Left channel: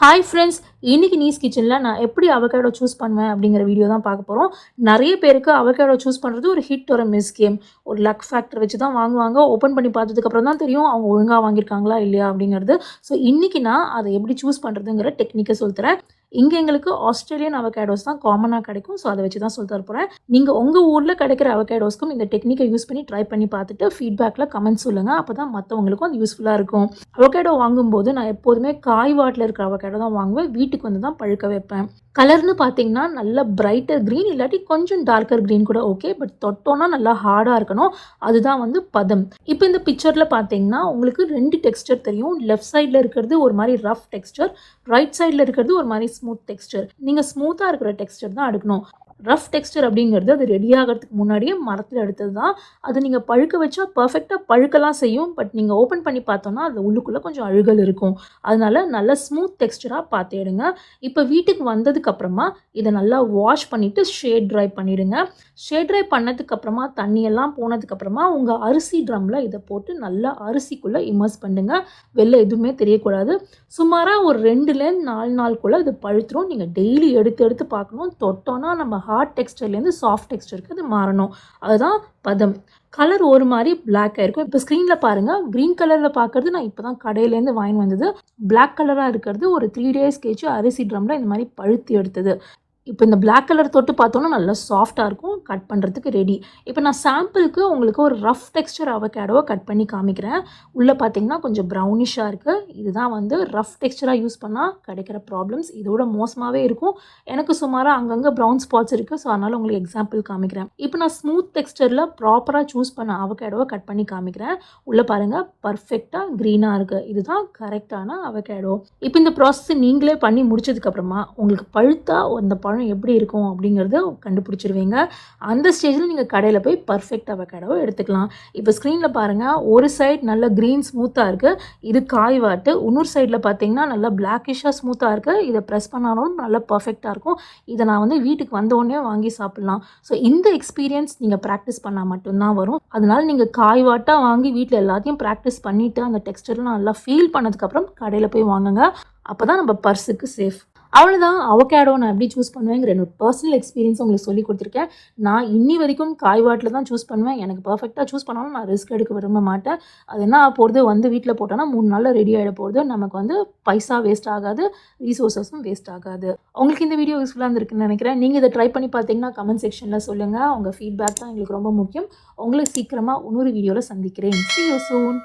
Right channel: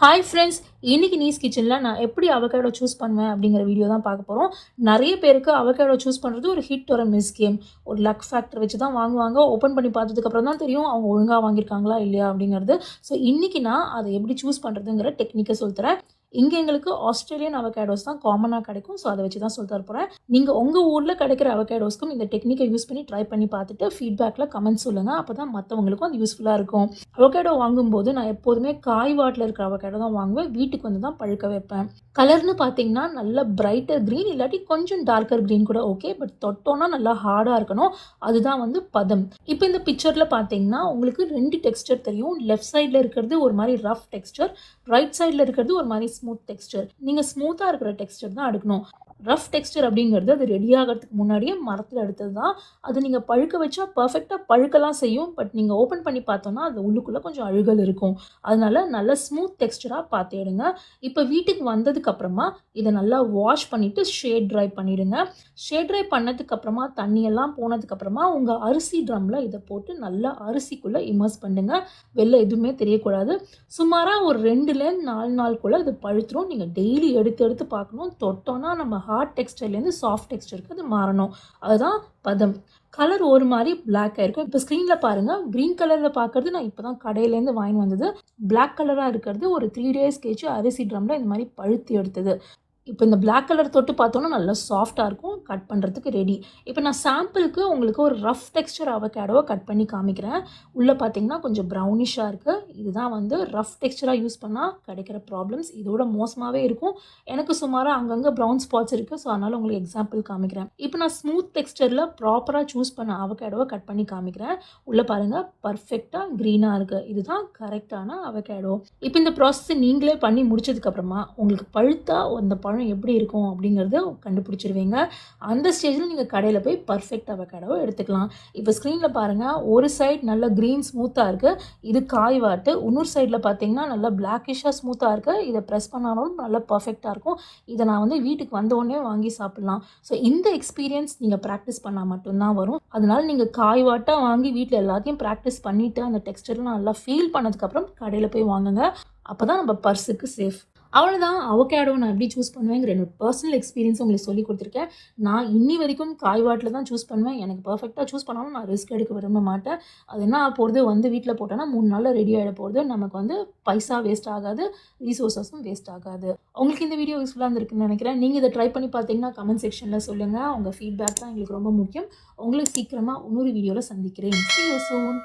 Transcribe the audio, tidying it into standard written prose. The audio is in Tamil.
ஹாய் ஃப்ரெண்ட்ஸ், இன்னைக்கு நீஸ் கிச்சனில் நான் எப்படி அவகேடோ சூஸ் பண்ணுவேன் அப்படிங்கிற வீடியோ தான் பார்க்க போகிறோம். நிறைய பேருக்கு அவகேடோ சூஸ் பண்ணுறது ஒரு ஹிட் ஒரு மிஸ் கேம். ஒரு லக் ஃபேக்டர் வச்சு தான் வாங்குவாங்க. ஓப்பன் பண்ணி பார்த்ததுக்கப்புறம் தான் தெரியும் அவங்க ஒழுங்காக வாங்கியிருக்காங்களா இல்லையா அப்படிங்கிறது. ஸோ இன்றைக்கி நான் அதை எப்படி சூஸ் பண்ணுறதுங்கிற டெக்னிக்கை சொல்லித்தரேன். இங்கே எங்களுக்கு ஆஸ்திரேலியன் அவகேடோஸ் தான் காமனாக கிடைக்கும். ஸோ அதை வச்சு தான் சொல்லி தர போகிறேன். நீங்கள் உங்கள் ஊரில் கிடைக்கிற அவகேடோஸ்க்கும் இந்த டெக்னிக்கை யூஸ் பண்ணி ட்ரை பண்ணி பார்த்துட்டு ஃபீட்பேக்கில் கமெண்ட் சொல்லுங்கள். அப்போ தான் மற்றவங்களுக்கும் அது யூஸ்ஃபுல்லாக இருக்கும். அவகேடோ வாங்கும்போது நான் எப்போதுமே காய் வாட்டில் இருக்கிற அவகேடோ தான் வாங்குவேன். வீட்டுக்கு வந்து தான் பழுக்க வைப்பேன். கலர்னு பார்த்தீங்கன்னா நல்ல பிரைட்டர் க்ரீன் இல்லாட்டி கொஞ்சம் டார்க்கர் க்ரீன் கூட ஓகே. பட் தொட்டோன்னா நல்லா ஹார்டாக இருக்கணும். அதுதான் வந்து பதம். இப்போ இந்த பிக்சரில் பார்த்தீங்கன்னா உங்களுக்கு 2 டெக்ஸ்டர் தெரியும். லெஃப்ட் சைடில் இருக்கிறது ஒரு மாதிரி ரஃப் டெக்ஸ்டர், ரைட் சைடில் இருக்கிறது ஒரு மாதிரி ஸ்மூத் டெக்ஸ்டர். நீங்கள் ஸ்மூத்தாக இருக்கிற டெக்ஸ்டர் தான் எடுக்கணும். ரஃப் டெக்ஸ்டர் அப்படிங்கிறது அது ரெடி ஆகிறதுக்கு முன்னாடியே மரத்தில் எடுத்தது தான். அது நீங்கள் பழுக்க வச்சா பர்ஃபெக்டாக பழுக்கலாம் செய்யும். பட் நீங்கள் ஓப்பன் பண்ணி பார்த்தோன்னா அது உள்ளுக்குள்ளே கொஞ்சம் அழுகல் இருக்கும். அதனால நல்ல ஸ்மூத் டெக்ஸ்டராக பார்த்து எடுங்க. இப்போ வீட்டுக்கு வந்ததுக்கப்புறமா இதை நல்லா வாஷ் பண்ணிவிட்டு ஷேட் ட்ரை பண்ணிவிடுங்க. ஷேட் ட்ரை பண்ணதுக்கப்புறமா தண்ணியெல்லாம் போனதுக்கப்புறமா உங்கள் அரிசி ட்ரம்மில் இதை போட்டு நல்லா அரிசிக்குள்ளே இமர்ஸ் பண்ணுங்க. வெளில எதுவுமே தெரியக்கூடாது. சுமாராக ஒரு 2லேருந்து 4 நாளுக்குள்ளே இது பழுத்துரும். நீங்கள் டெய்லி எடுத்து எடுத்து பார்க்கணும். தொட்டோன்னா நம்ம ஹார்ட் டெக்ஸ்டர்லேருந்து சாஃப்ட் டெக்ஸ்டருக்கு அது மாறணும். அதுதான் பதம். கலர் ஒரு மாதிரி பிளாக் ஆயிருக்கும். இப்போ ஸ்க்ரீனில் பாருங்கள், க்ரீன் கலரில் பார்க்குறது நான் இப்போ தான் கடையிலேருந்து வாங்கி வந்தது. பிளாக் கலராக இருக்கிறது ஒரு 3 டேஸ் கழிச்சு அரிசி ட்ரம்மில் இந்த மாதிரி பழுத்து எடுத்தது. இப்போ இந்த பிளாக் கலர் தொட்டு பார்த்தோன்னா நல்லா சாஃப்டாக இருக்கும். கட் பண்ணுறதுக்கு ரெடி. இப்போ நான் சாம்பிளுக்கு உங்களுக்கு ஒரு ரஃப் டெக்ஸ்டர் அவகேடோவை கட் பண்ணி காமிக்கிறேன். உள்ளே பார்த்தீங்கன்னா கொஞ்சம் ப்ரௌனிஷாக இருக்குது. இதுதான் வந்து ரஃப் டெக்ஸ்டராக யூஸ் பண்ணால் கிடைக்கிற ப்ராப்ளம்ஸ். இதோட மோசமாகவே இருக்கும். எனக்கு சுமாராக அங்கங்கே ப்ரௌன் ஸ்பாட்ஸ் இருக்குது. ஸோ அதனால் உங்களுக்கு எக்ஸாம்பிள் காமிக்கிறேன். இப்போ நான் ஸ்மூத் டெக்ஸ்டரில் ப்ராப்பராக சூஸ் பண்ண அவகேடோவை கட் பண்ணி காமிக்கிறேன். உள்ளே பாருங்கள், பர்ஃபெக்டாக க்ரீனாக இருக்குது. இதுதான் கரெக்டான அவகேடோ. இப்போ இந்த ப்ராசஸ் நீங்களே பண்ணி முடிச்சதுக்கப்புறமா உங்களுக்கு பழுத்தா அந்த பழம் எப்படி இருக்கும் அப்படிங்கிறத கண்டுபிடிச்சிருவீங்க. அந்த ஸ்டேஜில் நீங்கள் கடையில் போய் பர்ஃபெக்ட் அவகேடோவை எடுத்துக்கலாம். இப்போ ஸ்க்ரீனில் பாருங்கள், ஒரு சைடு நல்ல க்ரீன் ஸ்மூத்தாக இருக்குது. இது காய் வாட்டு. இன்னொரு சைடில் பார்த்தீங்கன்னா நல்லா பிளாக்கிஷாக ஸ்மூத்தாக இருக்குது. இதை ப்ரெஸ் பண்ணாலும் நல்லா பர்ஃபெக்டாக இருக்கும். இதை நான் வந்து வீட்டுக்கு வந்தோடனே வாங்கி சாப்பிட்லாம். ஸோ இந்த எக்ஸ்பீரியன்ஸ் நீங்கள் ப்ராக்டிஸ் பண்ணால் மட்டும்தான் வரும். அதனால நீங்கள் காய் வாட்டாக வாங்கி வீட்டில் எல்லாத்தையும் ப்ராக்டிஸ் பண்ணிவிட்டு அந்த டெக்ஸ்டர்லாம் நல்லா ஃபீல் பண்ணதுக்கப்புறம் கடையில் போய் வாங்குங்க. அப்போ தான் நம்ம பர்ஸுக்கு சேஃப். அவ்வளோதான். அவகேடோ நான் எப்படி சூஸ் பண்ணுவேங்கிற என்னோட பர்சனல் எக்ஸ்பீரியன்ஸ் உங்களுக்கு சொல்லி கொடுத்துருக்கேன். நான் இன்னி வரைக்கும் காய் வாட்டில் தான் சூஸ் பண்ணுவேன். எனக்கு பர்ஃபெக்டாக சூஸ் பண்ணாலும் நான் ரிஸ்க் எடுக்க விரும்ப மாட்டேன். அது என்ன போகிறது, வந்து வீட்டில் போட்டோன்னா 3 நாளில் ரெடி ஆகிட போகுது. நமக்கு வந்து பைசா வேஸ்ட் ஆகாது, ரீசோர்ஸஸும் வேஸ்ட் ஆகாது. உங்களுக்கு இந்த வீடியோ யூஸ்ஃபுல்லாக இருந்திருக்குன்னு நினைக்கிறேன். நீங்கள் இதை ட்ரை பண்ணி பார்த்தீங்கன்னா கமெண்ட் செக்ஷனில் சொல்லுங்கள். உங்கள் ஃபீட்பேக் தான் எங்களுக்கு ரொம்ப முக்கியம். உங்களை சீக்கிரமாக இன்னொரு வீடியோவில் சந்திக்கிறேன். See you soon.